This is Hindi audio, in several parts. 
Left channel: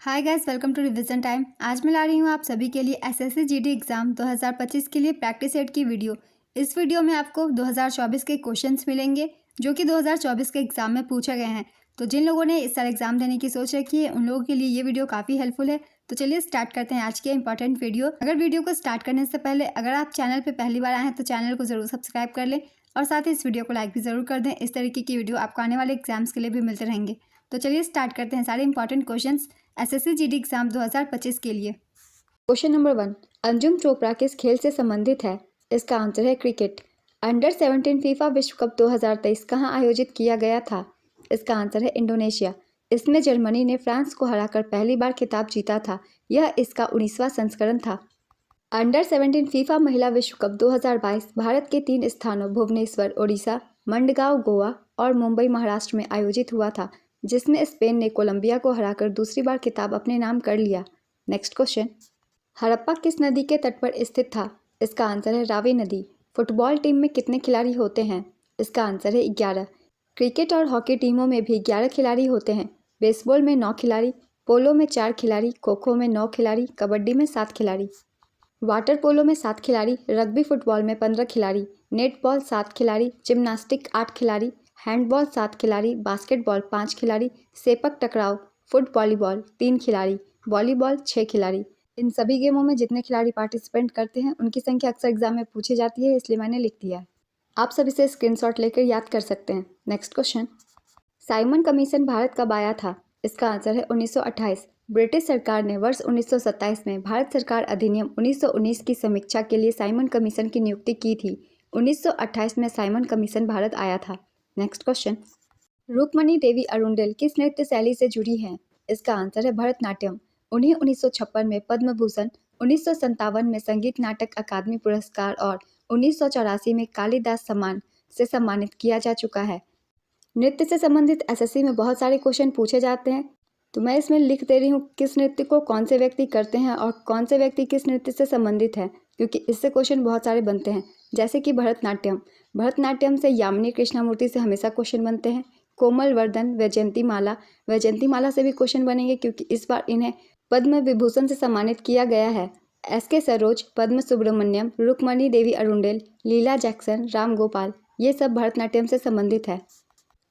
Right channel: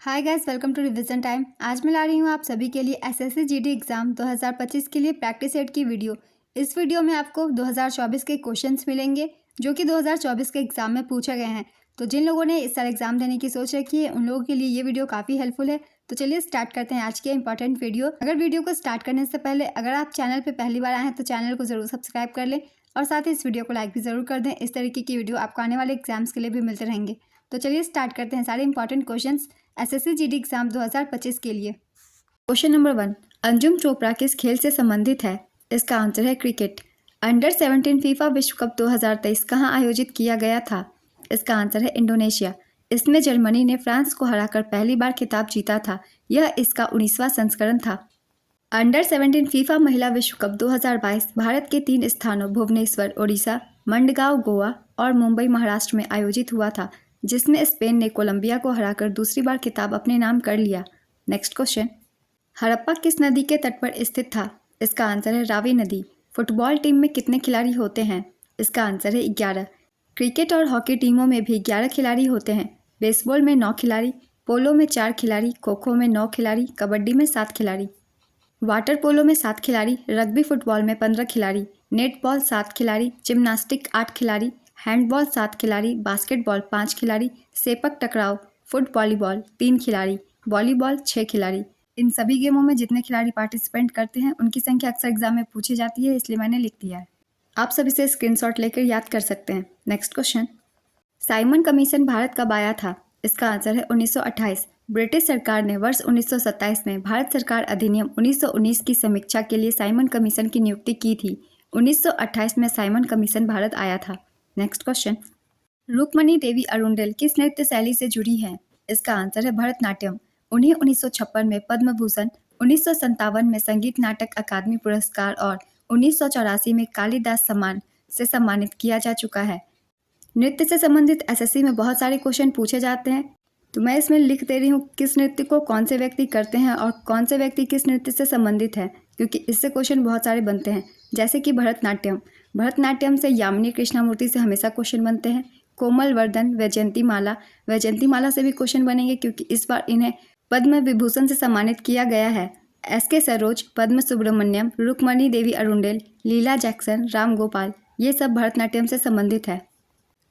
Hi guys, welcome to revision time. आज मैं ला रही हूँ आप सभी के लिए एसएससी जीडी एग्ज़ाम 2025 के लिए प्रैक्टिस सेट की वीडियो। इस वीडियो में आपको 2024 के क्वेश्चंस मिलेंगे जो कि 2024 के एग्ज़ाम में पूछे गए हैं। तो जिन लोगों ने इस साल एग्ज़ाम देने की सोच रखी है उन लोगों के लिए ये वीडियो काफ़ी हेल्पफुल है। तो चलिए स्टार्ट करते हैं आज के इंपॉर्टेंट वीडियो। अगर वीडियो को स्टार्ट करने से पहले अगर आप चैनल पर पहली बार आए हैं तो चैनल को ज़रूर सब्सक्राइब कर लें और साथ ही इस वीडियो को लाइक भी ज़रूर कर दें। इस तरीके की वीडियो आपको आने वाले एग्जाम्स के लिए भी मिलते रहेंगे। तो चलिए स्टार्ट करते हैं सारे important questions SSC GD exam 2025 के लिए। क्वेश्चन नंबर 1, अंजुम चोपड़ा किस खेल से संबंधित है? इसका आंसर है क्रिकेट। अंडर 17 फीफा विश्व कप 2023 कहाँ आयोजित किया गया था? इसका आंसर है इंडोनेशिया। इसमें जर्मनी ने फ्रांस को हराकर पहली बार खिताब जीता था। यह इसका 19वां संस्करण था। अंडर 17 फीफा महिला विश्व कप 2022 भारत के 3 स्थानों भुवनेश्वर ओडिशा, मंडगांव गोवा और मुंबई महाराष्ट्र में आयोजित हुआ था, जिसमें स्पेन ने कोलंबिया को हराकर दूसरी बार खिताब अपने नाम कर लिया। नेक्स्ट क्वेश्चन, हड़प्पा किस नदी के तट पर स्थित था? इसका आंसर है रावी नदी। फुटबॉल टीम में कितने खिलाड़ी होते हैं? इसका आंसर है 11। क्रिकेट और हॉकी टीमों में भी 11 खिलाड़ी होते हैं। बेसबॉल में 9 खिलाड़ी, पोलो में 4 खिलाड़ी, खो खो में 9 खिलाड़ी, कबड्डी में 7 खिलाड़ी, वाटर पोलो में 7 खिलाड़ी, रग्बी फुटबॉल में 15 खिलाड़ी, नेटबॉल 7 खिलाड़ी, जिम्नास्टिक 8 खिलाड़ी, हैंडबॉल 7 खिलाड़ी, बास्केटबॉल 5 खिलाड़ी, सेपक टकराव, फुट वॉलीबॉल 3 खिलाड़ी, वॉलीबॉल 6 खिलाड़ी। इन सभी गेमों में जितने खिलाड़ी पार्टिसिपेंट करते हैं उनकी संख्या अक्सर एग्जाम में पूछी जाती है, इसलिए मैंने लिख दिया है। आप सब इसे स्क्रीनशॉट लेकर याद कर सकते हैं। Next question, Simon commission Bharat कब आया था? इसका आंसर है 1928। ब्रिटिश सरकार ने वर्ष 1927 में भारत सरकार अधिनियम 1919 की समीक्षा के लिए साइमन कमीशन की नियुक्ति की थी। 1928 में साइमन कमीशन भारत आया था। नेक्स्ट क्वेश्चन, रुक्मणी देवी अरुंडेल किस नृत्य शैली से जुड़ी हैं? इसका आंसर है भरतनाट्यम। उन्हें 1956 में पद्म भूषण, 1957 में संगीत नाटक अकादमी पुरस्कार और 1984 में कालिदास सम्मान से सम्मानित किया जा चुका है। नृत्य से संबंधित एसएससी में बहुत सारे क्वेश्चन पूछे जाते हैं, तो मैं इसमें लिख दे रही हूँ किस नृत्य को कौन से व्यक्ति करते हैं और कौन से व्यक्ति किस नृत्य से संबंधित है, क्योंकि इससे क्वेश्चन बहुत सारे बनते हैं। जैसे कि भरतनाट्यम, भरतनाट्यम से यामिनी कृष्णामूर्ति से हमेशा क्वेश्चन बनते हैं। कोमल वर्धन, वैजयंती माला, वैजयंती माला से भी क्वेश्चन बनेंगे क्योंकि इस बार इन्हें पद्म विभूषण से सम्मानित किया गया है। एस.के. सरोज, पद्म सुब्रमण्यम, रुक्मणी देवी अरुंडेल, लीला जैक्सन, राम गोपाल, ये सब भरतनाट्यम से संबंधित है।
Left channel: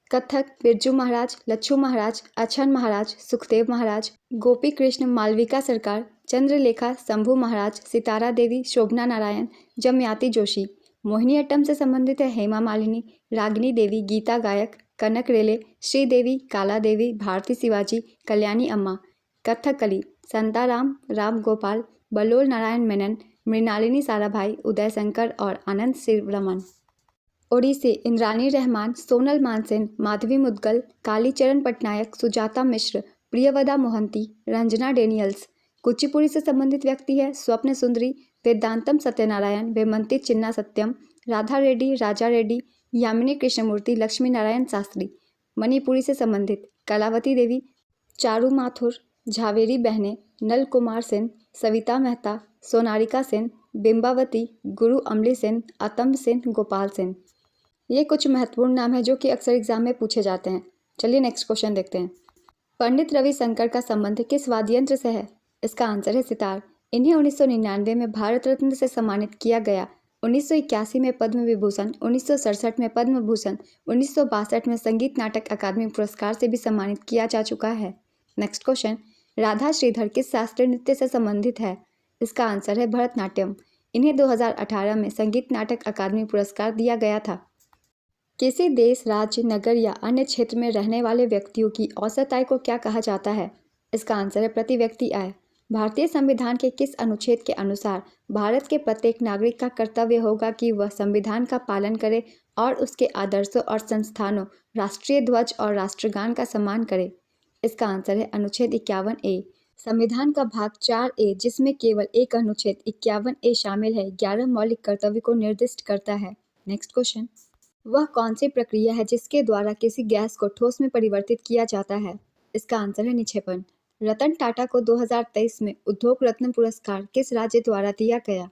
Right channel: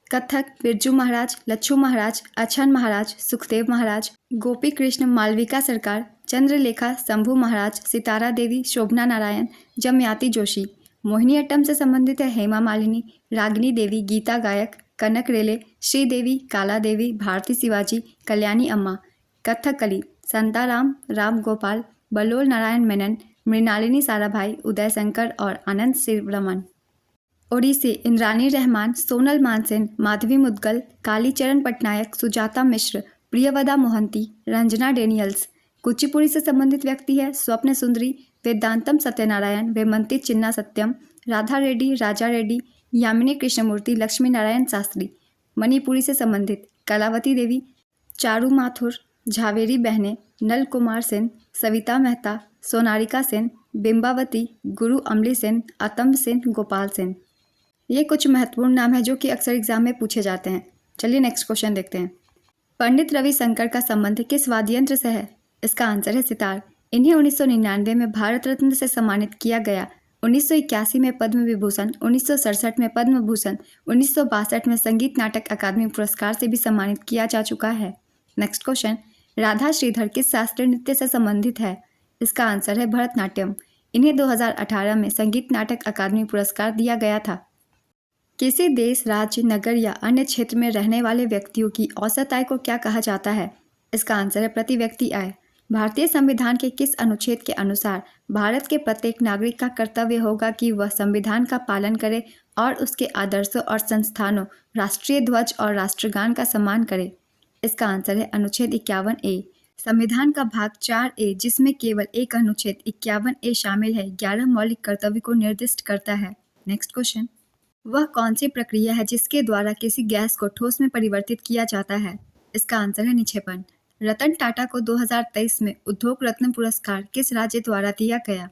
कथक, बिरजू महाराज, लच्छू महाराज, अछन महाराज, सुखदेव महाराज, गोपी कृष्ण, मालविका सरकार, चंद्रलेखा, शंभू महाराज, सितारा देवी, शोभना नारायण, जमयाति जोशी। मोहिनीअट्टम से संबंधित है हेमा मालिनी, रागिनी देवी, गीता गायक, कनक रेले, श्रीदेवी, काला देवी, भारती शिवाजी, कल्याणी अम्मा। कथकली, संताराम, राम गोपाल, बलोल नारायण मेनन, मृणालिनी साराभाई, उदय शंकर और आनंद श्रीरमन। ओडिसी, इंद्रानी रहमान, सोनल मानसेन, माधवी मुदगल, कालीचरण पटनायक, सुजाता मिश्र, प्रियवदा मोहंती, रंजना डेनियल्स। कुचिपुड़ी से संबंधित व्यक्ति है स्वप्न सुंदरी, वेदांतम सत्यनारायण, वेमंती चिन्ना सत्यम, राधा रेड्डी, राजा रेड्डी, यामिनी कृष्णमूर्ति, लक्ष्मी नारायण शास्त्री। मणिपुरी से संबंधित कलावती देवी, चारू माथुर, झावेरी बहने, नल कुमार सेन, सविता मेहता, सोनारिका सेन, बिंबावती, गुरु अमली सेन, अतम्ब सेन, गोपाल सेन। ये कुछ महत्वपूर्ण नाम है जो कि अक्सर एग्जाम में पूछे जाते हैं। चलिए नेक्स्ट क्वेश्चन देखते हैं। पंडित रविशंकर का संबंध किस वाद्य यंत्र से है? इसका आंसर है सितार। इन्हें 1999 में भारत रत्न से सम्मानित किया गया। 1981 में पद्म विभूषण, 1967 में पद्म भूषण, 1962 में संगीत नाटक अकादमी पुरस्कार से भी सम्मानित किया जा चुका है। नेक्स्ट क्वेश्चन, राधा श्रीधर किस शास्त्रीय नृत्य से संबंधित है? इसका आंसर है भरतनाट्यम। इन्हें 2018 में संगीत नाटक अकादमी पुरस्कार दिया गया था। किसी देश, राज्य, नगर या अन्य क्षेत्र में रहने वाले व्यक्तियों की औसत आय को क्या कहा जाता है? इसका आंसर है प्रति व्यक्ति आय। भारतीय संविधान के किस अनुच्छेद के अनुसार भारत के प्रत्येक नागरिक का कर्तव्य होगा कि वह संविधान का पालन करे और उसके आदर्शों और संस्थानों, राष्ट्रीय ध्वज और राष्ट्रगान का सम्मान करे? इसका आंसर है अनुच्छेद 51A। संविधान का भाग 4A, जिसमें केवल एक अनुच्छेद 51A शामिल है, 11 मौलिक कर्तव्य को निर्दिष्ट करता है। नेक्स्ट क्वेश्चन, वह कौन सी प्रक्रिया है जिसके द्वारा किसी गैस को ठोस में परिवर्तित किया जाता है? इसका आंसर है निक्षेपण। रतन टाटा को 2023 में उद्योग रत्न पुरस्कार किस राज्य द्वारा दिया गया?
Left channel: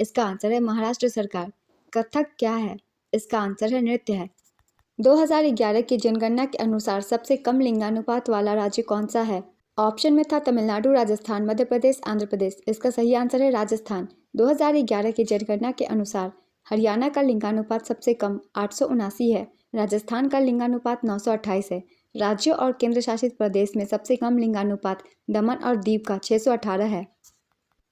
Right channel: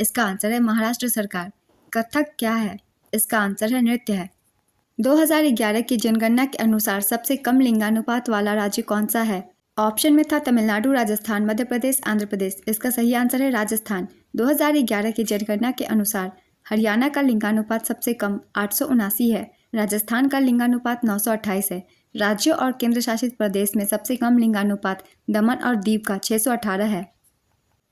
इसका आंसर है महाराष्ट्र सरकार। कथक क्या है? इसका आंसर है नृत्य है। 2011 की जनगणना के अनुसार सबसे कम लिंगानुपात वाला राज्य कौन सा है? ऑप्शन में था तमिलनाडु, राजस्थान, मध्य प्रदेश, आंध्र प्रदेश। इसका सही आंसर है राजस्थान। 2011 की जनगणना के अनुसार हरियाणा का लिंगानुपात सबसे कम 879 है। राजस्थान का लिंगानुपात 928 है। राज्यों और केंद्र शासित प्रदेश में सबसे कम लिंगानुपात दमन और दीव का 618 है।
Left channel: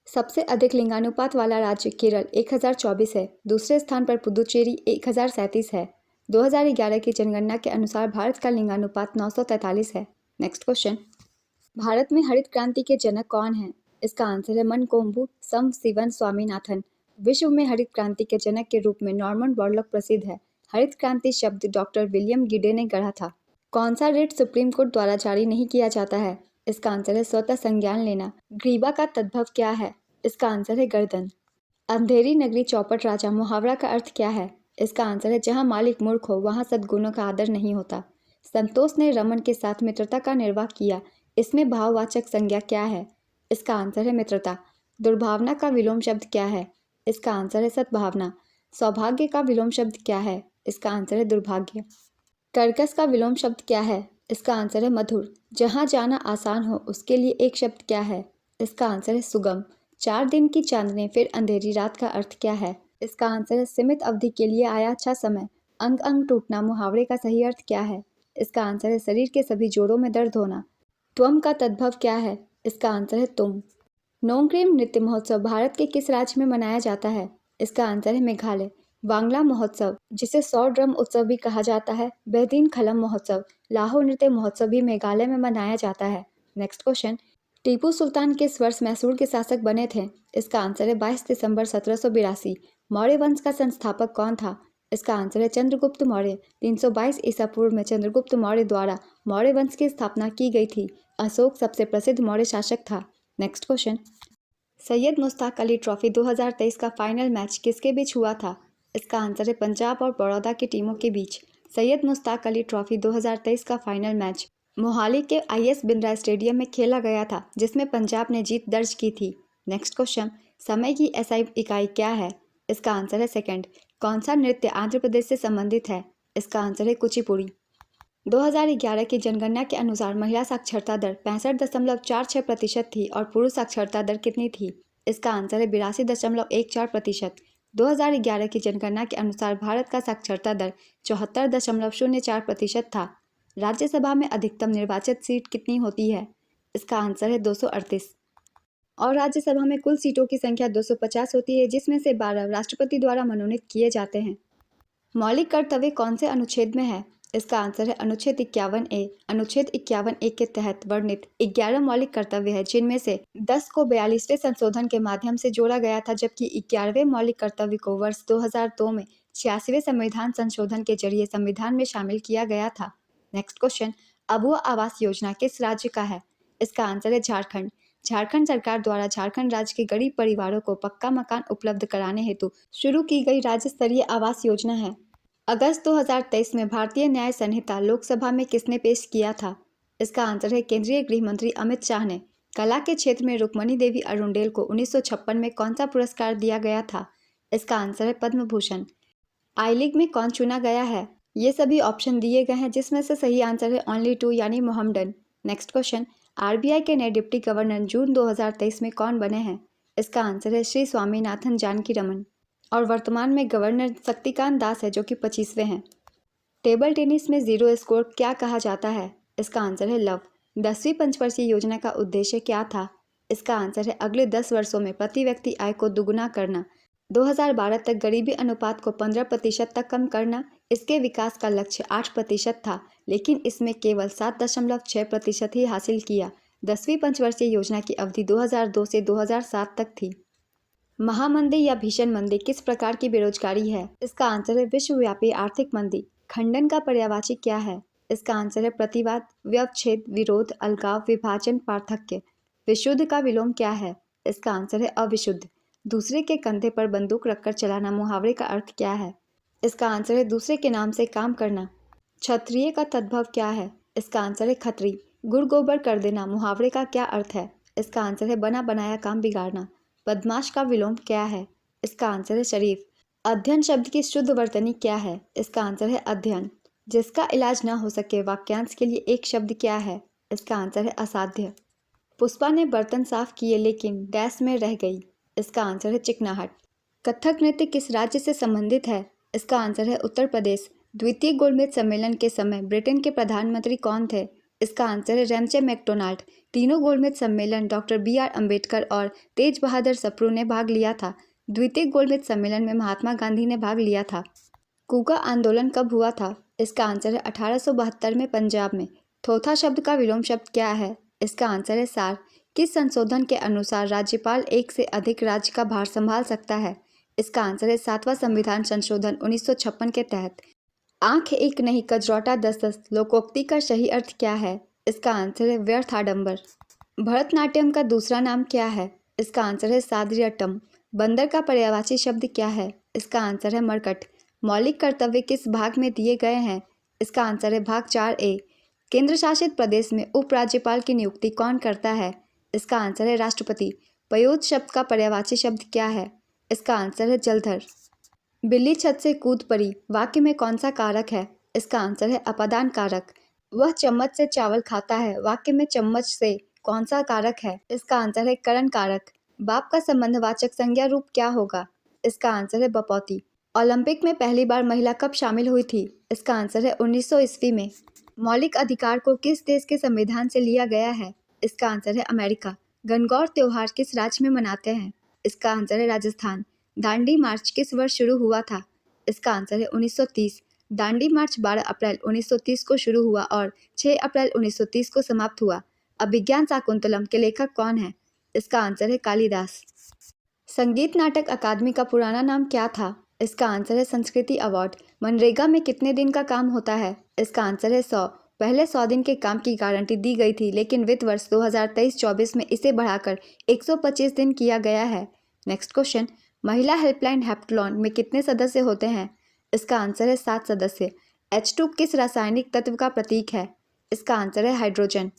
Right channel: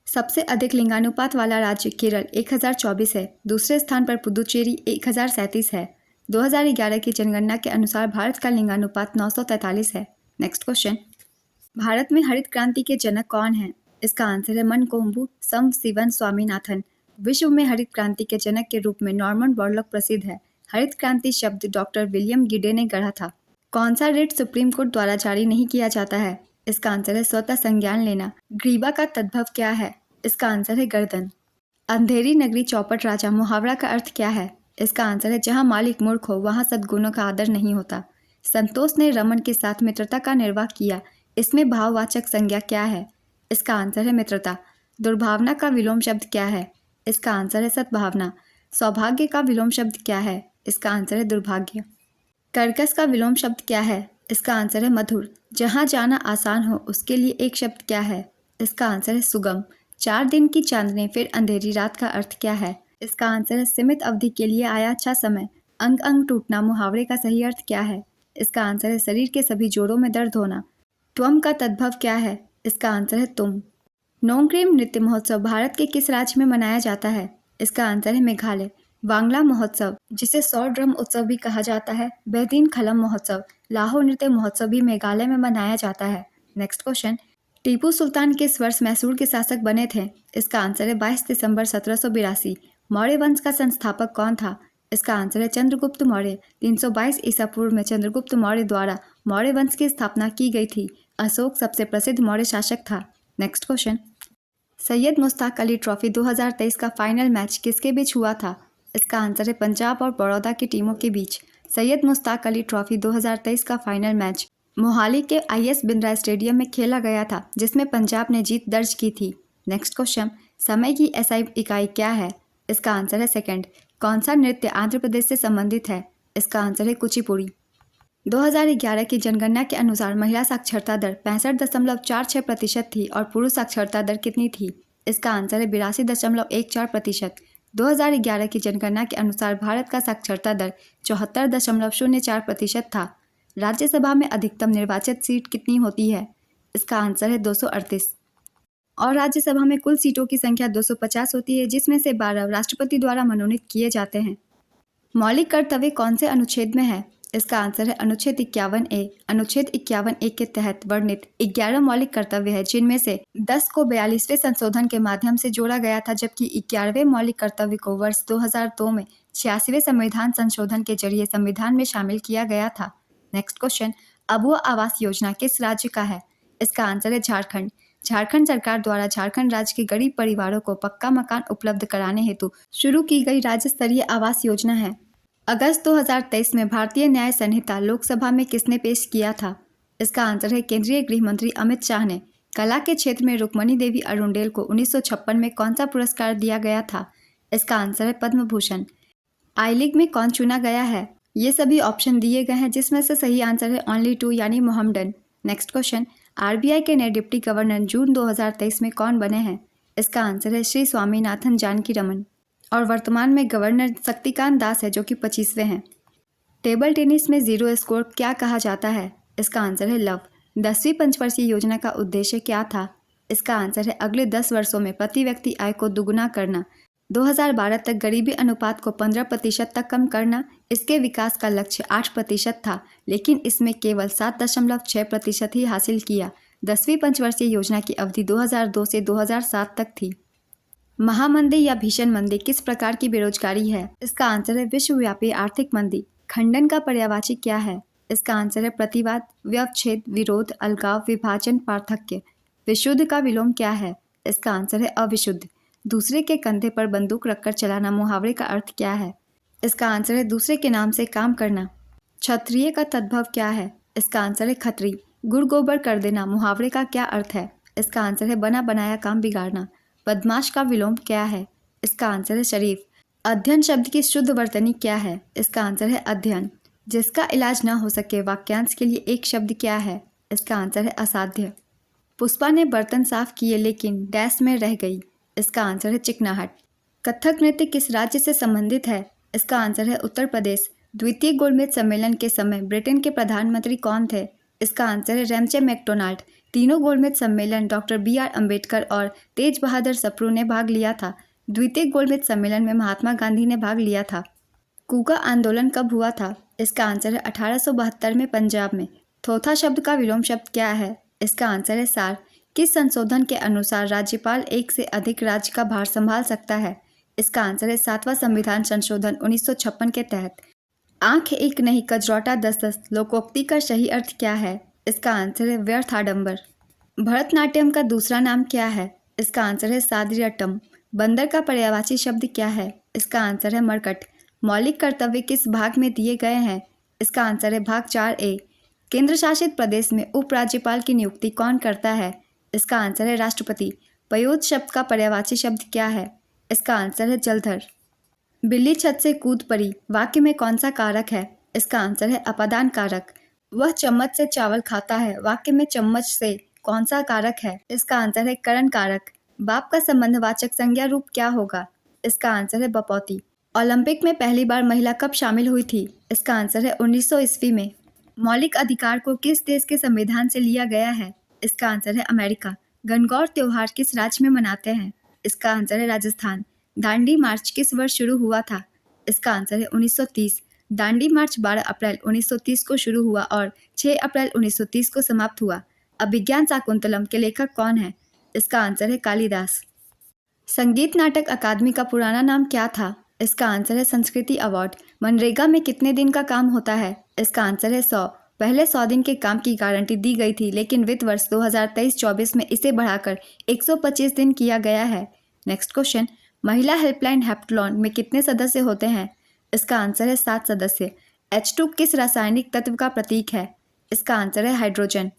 सबसे अधिक लिंगानुपात वाला राज्य केरल 1024 है। दूसरे स्थान पर पुदुचेरी 1037 है। 2011 की जनगणना के अनुसार भारत का लिंगानुपात 943 है। नेक्स्ट क्वेश्चन, भारत में हरित क्रांति के जनक कौन है? इसका आंसर है मनकोम्बू शिवन स्वामीनाथन। विश्व में हरित क्रांति के जनक के रूप में नॉर्मन बोरलॉग प्रसिद्ध है। हरित क्रांति शब्द डॉक्टर विलियम गिडे ने गढ़ा था। कौन सा रिट सुप्रीम कोर्ट द्वारा जारी नहीं किया जाता है? इसका आंसर है स्वतः संज्ञान लेना। ग्रीवा का तद्भव क्या है? इसका आंसर है गर्दन। अंधेरी नगरी चौपट राजा मुहावरा का अर्थ क्या है? इसका आंसर है जहाँ मालिक मूर्ख हो वहाँ सद्गुणों का आदर नहीं होता। संतोष ने रमन के साथ मित्रता का निर्वाह किया। इसमें भाववाचक संज्ञा क्या है? इसका आंसर है मित्रता। दुर्भावना का विलोम शब्द क्या है? इसका आंसर है सद्भावना। सौभाग्य का विलोम शब्द क्या है? इसका आंसर है दुर्भाग्य। कर्कश का विलोम शब्द क्या है? इसका आंसर है मधुर। जहाँ जाना आसान हो उसके लिए एक शब्द क्या है? इसका आंसर है सुगम। 4 दिन की चांदनी फिर अंधेरी रात का अर्थ क्या है? इसका आंसर है सीमित अवधि के लिए आया अच्छा समय। अंग अंग टूटना मुहावरे का सही अर्थ क्या है? इसका आंसर है शरीर के सभी जोड़ों में दर्द होना। त्वम का तद्भव क्या है? इसका आंसर है तुम। नोंगक्रेम नृत्य महोत्सव भारत के किस राज्य में मनाया जाता है? इसका आंसर है मेघालय। वांगला महोत्सव, जिसे 100 ड्रम उत्सव भी कहा जाता है, बेहदीन खलम महोत्सव, लाहौर नृत्य महोत्सव भी मेघालय में मनाया जाता है। नेक्स्ट क्वेश्चन, टीपू सुल्तान किस वर्ष मैसूर के शासक बने थे? इसका आंसर है 22 दिसंबर 1782। मौर्य वंश का संस्थापक कौन था? इसका आंसर है चंद्रगुप्त मौर्य। 322 ईसा पूर्व में चंद्रगुप्त मौर्य द्वारा मौर्य वंश की स्थापना की गई थी। अशोक सबसे प्रसिद्ध मौर्य शासक था। Next question, Syed Mushtaq Ali trophy 2023 का फाइनल मैच किसके बीच हुआ था? इसका आंसर है पंजाब और बड़ौदा की टीमों के बीच। सैयद मुश्ताक अली ट्रॉफी 2023 का फाइनल मैच मोहाली के IS बिंद्रा स्टेडियम में खेला गया था, जिसमें पंजाब ने जीत दर्ज की थी। नेक्स्ट क्वेश्चन, समय की SI इकाई क्या है? इसका आंसर है सेकंड। कौन सा नृत्य आंध्र प्रदेश से संबंधित है? इसका आंसर है कुचिपुड़ी। 2011 की जनगणना के अनुसार महिला साक्षरता दर 65.46% थी और पुरुष साक्षरता दर कितनी थी? इसका आंसर है 82.14%। 2011 की जनगणना के अनुसार भारत का साक्षरता दर 74.04% था। राज्यसभा में अधिकतम निर्वाचित सीट कितनी होती है? इसका आंसर है 238। और राज्यसभा में कुल सीटों की संख्या 250 होती है, जिसमें से 12 राष्ट्रपति द्वारा मनोनीत किए जाते हैं। मौलिक कर्तव्य कौन से अनुच्छेद में है? इसका आंसर है अनुच्छेद 51A। अनुच्छेद 51A के तहत वर्णित 11 मौलिक कर्तव्य है, जिनमें से 10 को 42वें संशोधन के माध्यम से जोड़ा गया था, जबकि 11वें मौलिक कर्तव्य को वर्ष 2002 में 86वें संविधान संशोधन के जरिए संविधान में शामिल किया गया था। नेक्स्ट क्वेश्चन, अबुआ आवास योजना किस राज्य का है? इसका आंसर है झारखंड। झारखंड सरकार द्वारा झारखंड राज्य के गरीब परिवारों को पक्का मकान उपलब्ध कराने हेतु शुरू की गई राज्य स्तरीय आवास योजना है। अगस्त 2023 में भारतीय न्याय संहिता लोकसभा में किसने पेश किया था? इसका आंसर है केंद्रीय गृह मंत्री अमित शाह ने। कला के क्षेत्र में रुक्मणी देवी अरुंडेल को 1956 में कौन सा पुरस्कार दिया गया था? इसका आंसर है पद्म भूषण। आई लीग में कौन चुना गया है? ये सभी ऑप्शन दिए गए हैं, जिसमें से सही आंसर है ओनली 2 यानी मोहम्मडन। नेक्स्ट क्वेश्चन, RBI के नए डिप्टी गवर्नर जून 2023 में कौन बने हैं? इसका आंसर है श्री स्वामीनाथन जानकी रमन। और वर्तमान में गवर्नर शक्तिकांत दास है, जो कि 25वें हैं। टेबल टेनिस में जीरो स्कोर क्या कहा जाता है? इसका आंसर है लव। 10वीं पंचवर्षीय योजना का उद्देश्य क्या था? इसका आंसर है अगले 10 वर्षों में प्रति व्यक्ति आय को दुगुना करना। 2012 तक गरीबी अनुपात को 15% तक कम करना। इसके विकास का लक्ष्य 8% था, लेकिन इसमें केवल 7.6% ही हासिल किया। 10वीं पंचवर्षीय योजना की अवधि 2002 से 2007 तक थी। महामंदी या भीषण मंदी किस प्रकार की बेरोजगारी है? इसका आंसर है विश्वव्यापी आर्थिक मंदी। खंडन का पर्यायवाची क्या है? इसका आंसर है प्रतिवाद, व्यवच्छेद, विरोध, अलगाव, विभाजन, पार्थक्य। विशुद्ध का विलोम क्या है? इसका आंसर है अविशुद्ध। दूसरे के कंधे पर बंदूक रखकर चलाना मुहावरे का अर्थ क्या है? इसका आंसर है दूसरे के नाम से काम करना। क्षत्रिय का तद्भव क्या है? इसका आंसर है खत्री। गुड़ गोबर कर देना मुहावरे का क्या अर्थ है? इसका आंसर है बना बनाया काम बिगाड़ना। बदमाश का विलोम क्या है? इसका आंसर है शरीफ। अध्ययन शब्द की शुद्ध वर्तनी क्या है? इसका आंसर है अध्ययन। जिसका इलाज ना हो सके वाक्यांश के लिए एक शब्द क्या है? इसका आंसर है असाध्य। पुष्पा ने बर्तन साफ किए लेकिन डैश में रह गई। इसका आंसर है चिकनाहट। कथक नृत्य किस राज्य से संबंधित है? इसका आंसर है उत्तर प्रदेश। द्वितीय गोलमेज सम्मेलन के समय ब्रिटेन के प्रधानमंत्री कौन थे? इसका आंसर है रेमचे मैकडोनाल्ड। तीनों गोलमेज सम्मेलन डॉक्टर BR अम्बेडकर और तेज बहादुर सप्रू ने भाग लिया था। द्वितीय गोलमेज सम्मेलन में महात्मा गांधी ने भाग लिया था। कूका आंदोलन कब हुआ था? इसका आंसर है 1872 में पंजाब में। थोथा शब्द का विलोम शब्द क्या है? इसका आंसर है सार। किस संशोधन के अनुसार राज्यपाल एक से अधिक राज्य का भार संभाल सकता है? इसका आंसर है 7वां संविधान संशोधन 1956 के तहत। आंख एक नहीं कजरौटा 10-10 लोकोक्ति का सही अर्थ क्या है? इसका आंसर है व्यर्थ आडंबर। भरतनाट्यम का दूसरा नाम क्या है? इसका आंसर है सादरियट्टम। बंदर का पर्यायवाची शब्द क्या है? इसका आंसर है मरकट। मौलिक कर्तव्य किस भाग में दिए गए हैं? इसका आंसर है भाग 4A। केंद्र शासित प्रदेश में उपराज्यपाल की नियुक्ति कौन करता है? इसका आंसर है राष्ट्रपति। पयोद शब्द का पर्यायवाची शब्द क्या है? इसका आंसर है जलधर। बिल्ली छत से कूद पड़ी वाक्य में कौन सा कारक है? इसका आंसर है अपादान कारक। वह चम्मच से चावल खाता है वाक्य में चम्मच से कौन सा कारक है? इसका आंसर है करण कारक। बाप का संबंधवाचक संज्ञा रूप क्या होगा? इसका आंसर है बपौती। ओलंपिक में पहली बार महिला कब शामिल हुई थी? इसका आंसर है 1900 ईस्वी में। मौलिक अधिकार को किस देश के संविधान से लिया गया है? इसका आंसर है अमेरिका। गणगौर त्योहार किस राज्य में मनाते हैं? इसका आंसर है राजस्थान। दांडी मार्च किस वर्ष शुरू हुआ था? इसका आंसर है 1930। दांडी मार्च 12 अप्रैल 1930 को शुरू हुआ और 6 अप्रैल 1930 को समाप्त हुआ। अभिज्ञान शाकुंतलम के लेखक कौन है? इसका आंसर है कालिदास। संगीत नाटक अकादमी का पुराना नाम क्या था? इसका आंसर है संस्कृति अवार्ड। मनरेगा में कितने दिन का काम होता है? इसका आंसर है 100। पहले 100 दिन के काम की गारंटी दी गई थी लेकिन वित्त वर्ष 2023-24 में इसे बढ़ाकर 125 दिन किया गया है। नेक्स्ट क्वेश्चन, महिला हेल्पलाइन हेप्टलॉन में कितने सदस्य होते हैं? इसका आंसर है 7 सदस्य। H2 किस रासायनिक तत्व का प्रतीक है? इसका आंसर है हाइड्रोजन।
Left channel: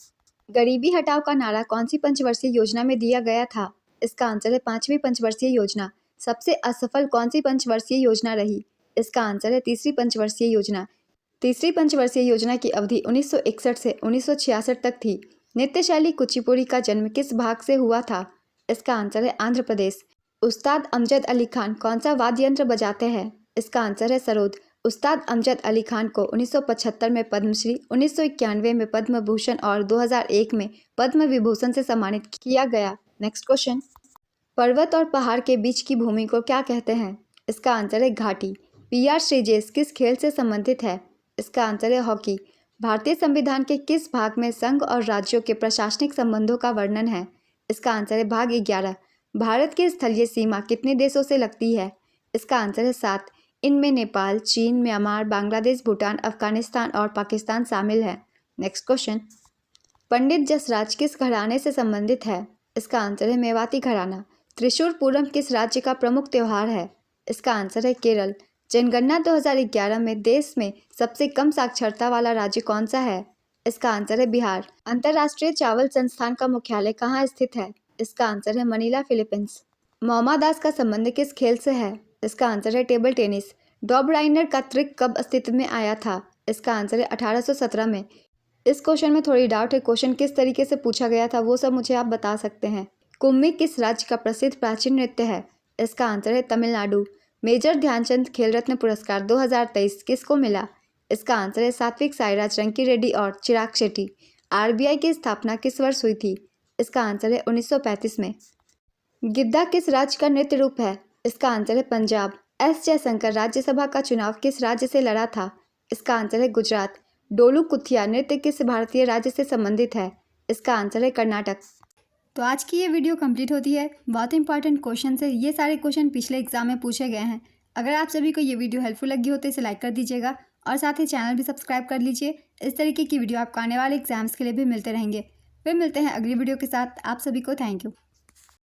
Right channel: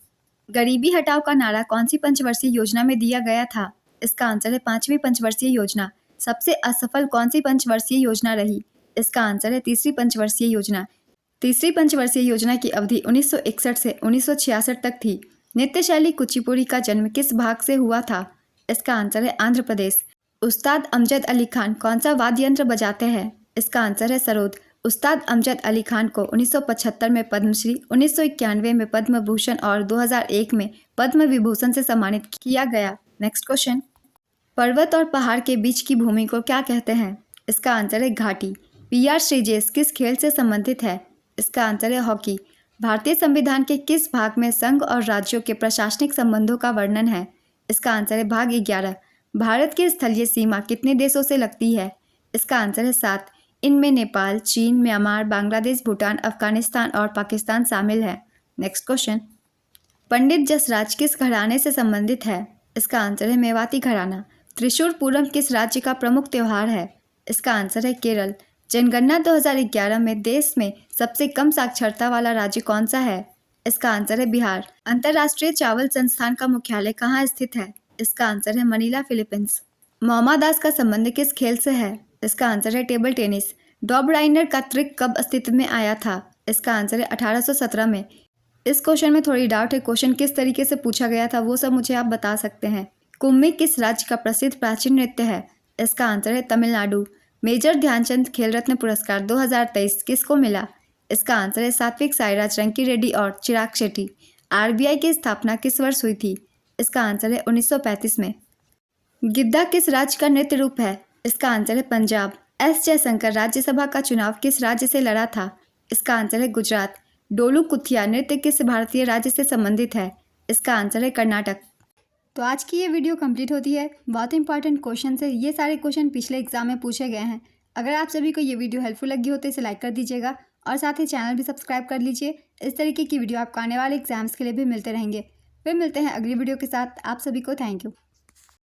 गरीबी हटाओ का नारा कौन सी पंचवर्षीय योजना में दिया गया था? इसका आंसर है 5वीं पंचवर्षीय योजना। सबसे असफल कौन सी पंचवर्षीय योजना रही? इसका आंसर है तीसरी पंचवर्षीय योजना। तीसरी पंचवर्षीय योजना की अवधि 1961 से 1966 तक थी। नृत्य शैली कुचिपुड़ी का जन्म किस भाग से हुआ था? इसका आंसर है आंध्र प्रदेश। उस्ताद अमजद अली खान कौन सा वाद्य यंत्र बजाते हैं? इसका आंसर है सरोद। उस्ताद अमजद अली खान को 1975 में पद्मश्री, 1991 में पद्म भूषण और 2001 में पद्म विभूषण से सम्मानित किया गया। नेक्स्ट क्वेश्चन, पर्वत और पहाड़ के बीच की भूमि को क्या कहते हैं? इसका आंसर है घाटी। PR श्रीजेश किस खेल से संबंधित है? इसका आंसर है हॉकी। भारतीय संविधान के किस भाग में संघ और राज्यों के प्रशासनिक संबंधों का वर्णन है? इसका आंसर है भाग 11। भारत की स्थलीय सीमा कितने देशों से लगती है? इसका आंसर है 7। इनमें नेपाल, चीन, म्यांमार, बांग्लादेश, भूटान, अफगानिस्तान और पाकिस्तान शामिल है। नेक्स्ट क्वेश्चन, पंडित जसराज किस घराने से संबंधित है? इसका आंसर है मेवाती घराना। त्रिशूर पूरम किस राज्य का प्रमुख त्यौहार है? इसका आंसर है केरल। जनगणना 2011 में देश में सबसे कम साक्षरता वाला राज्य कौन सा है? इसका आंसर है बिहार। अंतर्राष्ट्रीय चावल संस्थान का मुख्यालय कहाँ स्थित है? इसका आंसर है मनीला, फिलीपींस। मोमा दास का संबंध किस खेल से है? इसका आंसर है टेबल टेनिस। डॉब राइनर का ट्रिक कब अस्तित्व में आया था? इसका आंसर है 1817 में। इस क्वेश्चन में थोड़ी डाउट है, क्वेश्चन किस तरीके से पूछा गया था वो सब मुझे आप बता सकते हैं। कुम्मी किस राज्य का प्रसिद्ध प्राचीन नृत्य है? इसका आंसर है तमिलनाडु। मेजर ध्यानचंद खेल रत्न पुरस्कार 2023 किसको मिला? इसका आंसर है सात्विक साईराज, रंकी रेड्डी और चिराग शेट्टी। RBI की स्थापना किस वर्ष हुई थी? इसका आंसर है 1935 में। गिद्दा किस राज्य का नृत्य रूप है? इसका आंसर है पंजाब। S जयशंकर राज्यसभा का चुनाव किस राज्य से लड़ा था? इसका आंसर है गुजरात। डोलू कुथिया नृत्य किस भारतीय राज्य से संबंधित है? इसका आंसर है कर्नाटक। तो आज की ये वीडियो कंप्लीट होती है। बहुत इंपॉर्टेंट क्वेश्चन है, ये सारे क्वेश्चन पिछले एग्जाम में पूछे गए हैं। अगर आप सभी को ये वीडियो हेल्पफुल लगी हो तो इसे लाइक कर दीजिएगा और साथ ही चैनल भी सब्सक्राइब कर लीजिए। इस तरीके की वीडियो आपको आने वाले एग्जाम्स के लिए भी मिलते रहेंगे। फिर मिलते हैं अगली वीडियो के साथ। आप सभी को थैंक यू।